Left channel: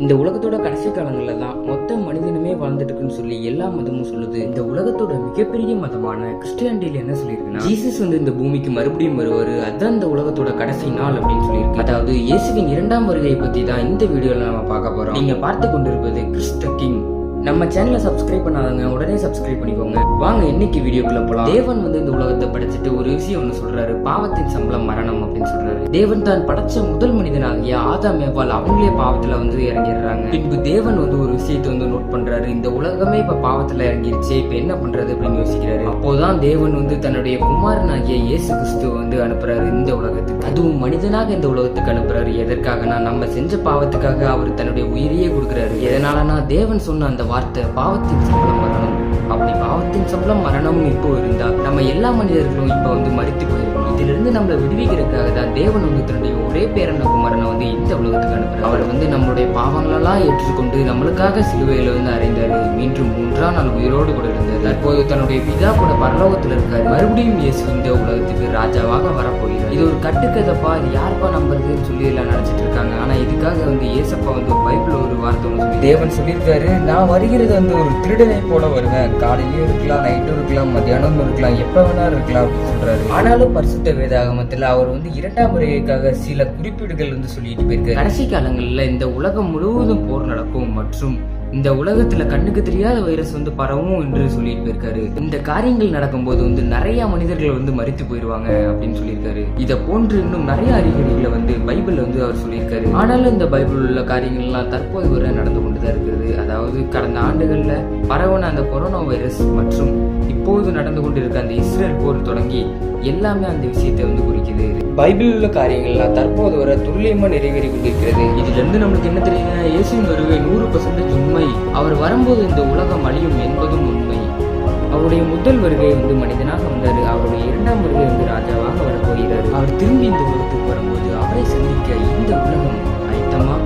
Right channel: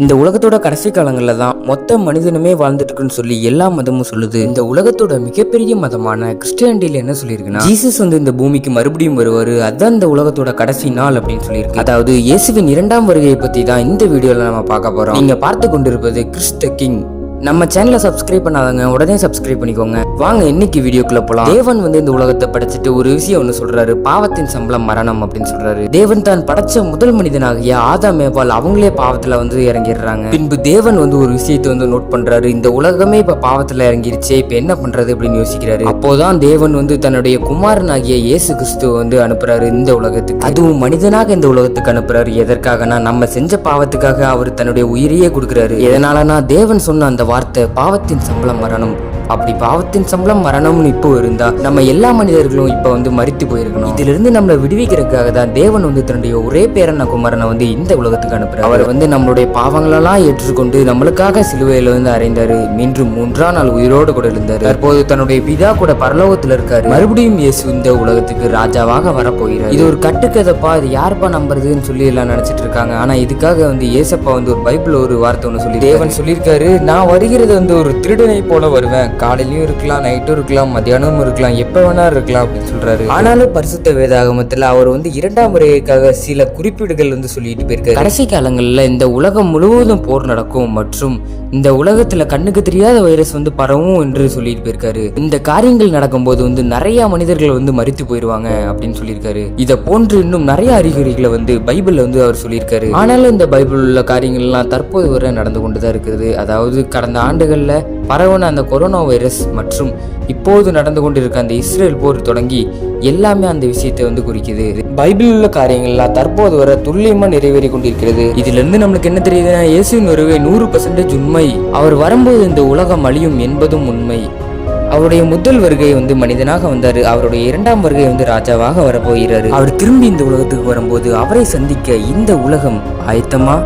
இந்த உலகத்தோட கடைசி காலங்களில் தான் மொத்த மனிதனுமே வாழ்ந்துட்டு இருக்குன்னு சொல்லி எல்லா மதமும் சொல்லுது. இந்த உலகத்தோட மிகப்பெரிய மதமான கிறிஸ்டியானிட்டியில் என்ன சொல்லியிருக்குன்னா ஜீசஸ் வந்து இந்த பூமிக்கு மறுபடியும் வருவார் அதுதான் இந்த உலகத்தோட கடைசி நாள் அப்படின்னு சொல்லியிருக்கு. அதாவது இயேசுவின் இரண்டாம் வருகையை பற்றி தான் இந்த வீடியோவில் நம்ம பார்க்க போகிறோம் நீங்கள் பார்த்து கொண்டிருப்பது கிறிஸ்ட கிங். நம்ம சேனலை சப்ஸ்கிரைப் பண்ணாதவங்க உடனே சப்ஸ்கிரைப் பண்ணிக்கோங்க. வாங்க இன்னைக்கு வீடியோக்குள்ள போலாம். தேவன் வந்து இந்த உலகத்தை படைச்சிட்டு ஒரு விஷயம் ஒன்று சொல்றாரு. பாவத்தின் சம்பளம் மரணம் அப்படின்னு சொல்றாரு. தேவன் தான் படைச்ச முதல் மனிதனாகிய ஆதா மேபால் அவங்களே பாவத்துல வந்து இறங்கிடுறாங்க. பின்பு தேவன் வந்து ஒரு விஷயத்தை வந்து நோட் பண்றாரு. இந்த உலகமே இப்ப பாவத்துல இறங்கிருச்சு. இப்ப என்ன பண்றது அப்படின்னு யோசிக்கிறாரு. அப்போதான் தேவன் வந்து தன்னுடைய குமாரனாகிய இயேசு கிறிஸ்துவ வந்து அனுப்புறாரு இந்த உலகத்துக்கு. அதுவும் மனிதனாக இந்த உலகத்துக்கு அனுப்புறாரு. எதற்காகனா நம்ம செஞ்ச பாவத்துக்காக அவர் தன்னுடைய உயிரையே கொடுக்குறாரு. எதனாலனா தேவன் சொன்ன அந்த வார்த்தை பாவத்தின் சம்பளம் வரணும் அப்படி பாவத்தின் சம்பளம் மரணம்னு இப்போ இருந்தா நம்ம எல்லா மனிதர்களும் இப்ப வந்து மறித்து போயிருக்கணும். இதுல இருந்து நம்மளை விடுவிக்கிறதுக்காக தான் தேவன் வந்து தன்னுடைய ஒரே பேரன குமாரனை வந்து இந்த உலகத்துக்கு அனுப்புறாரு. அவர் வந்து நம்மளுடைய பாவங்களெல்லாம் ஏற்றுக்கொண்டு நம்மளுக்காக சிலுவையில வந்து அறைந்தாரு. மீண்டும் மூன்றாம் நாள் உயிரோடு கூட இருந்தாரு தற்போது தன்னுடைய பிதா கூட பரலோகத்துல இருக்காரு. மறுபடியும் இயேசு இந்த உலகத்துக்கு ராஜாவாக வரப்போகிறார். இது ஒரு கட்டுக்கதைப்பா இது யாருப்பா நம்புறதுன்னு சொல்லி எல்லாம் நினைச்சிட்டு இருக்காங்க. ஆனா இதுக்காக வந்து ஏசப்பா வந்து ஒரு பைபிள் ஒரு வார்த்தை ஒன்று சொல்லி தேவன் சொல்லியிருக்காரு நான் வருகிறது வந்து ஒரு திருடனை போல வருவேன். காலையிலையும் இருக்கலாம் நைட்டும் இருக்கலாம் மத்தியானமும் இருக்கலாம் எப்போ வேணா இருக்கலாம் அப்படின்னு சொல்றாரு. ஆனாலும் பரிசுத்த வேதாகமத்தில் அவர் வந்து இரண்டாம் முறைக்காக சில குறிப்பீடுகள் வந்து சொல்லிட்டு போயிருக்காரு. கடைசி காலங்களில் இந்த உலகம் முழுவதும் போர் நடக்கும் மற்றும் இந்த உலகத்துல கண்ணுக்கு தெரியாத வைரஸ் வந்து பரவும் என்று சொல்லிட்டு போயிருக்காரு. இந்த காரியங்கள் நடக்கும்போது வந்து நிறைய மனிதர்கள் வந்து மறித்து போயிருவாங்க அப்படின்னு சொல்லியிருக்காரு. இதை போன்று இன்னும் நிறைய அறிகுறிகளை வந்து பைபிள்ல வந்து அவர் சொல்லியிருக்காரு. ஆனாலும் இந்த பைபிள் உள்ள காரியங்கள்லாம் தற்போது வரை நடந்து கொண்டுதான் இருக்குது. அதாவது கடந்த ஆண்டுகள்ல பரவன அந்த கொரோனா வைரஸ் மற்றும் இப்போது நடந்து கொண்டிருக்க அந்த இஸ்ரேல் போர் தொடங்கி எல்லாமே அந்த விஷயத்தை வந்து குறிக்குது. பைபிள் உள்ள காரியங்கள்லாம் தற்போது வர துல்லியமா நிறைவேறி கொண்டிருக்கிறது. இதுல இருந்து நம்மளுக்கு என்ன தெரியுதுன்னா இயேசுவின் வருகை நூறு பர்சன்டேஜ் உண்மை அவர் வரும்போது இந்த உலகம் அழியும் என்பதும் உண்மை. அவருடைய முதல் வருகை வந்து மனிதனாக வந்தாரு. அவருடைய இரண்டாம் வருகை வந்து ராஜாவாக வரப்போகிறாரு. அவர் திரும்பி இந்த உலகத்துக்கு வரும்போது அவரை சந்திக்க இந்த உலகம் ஆயத்தமா?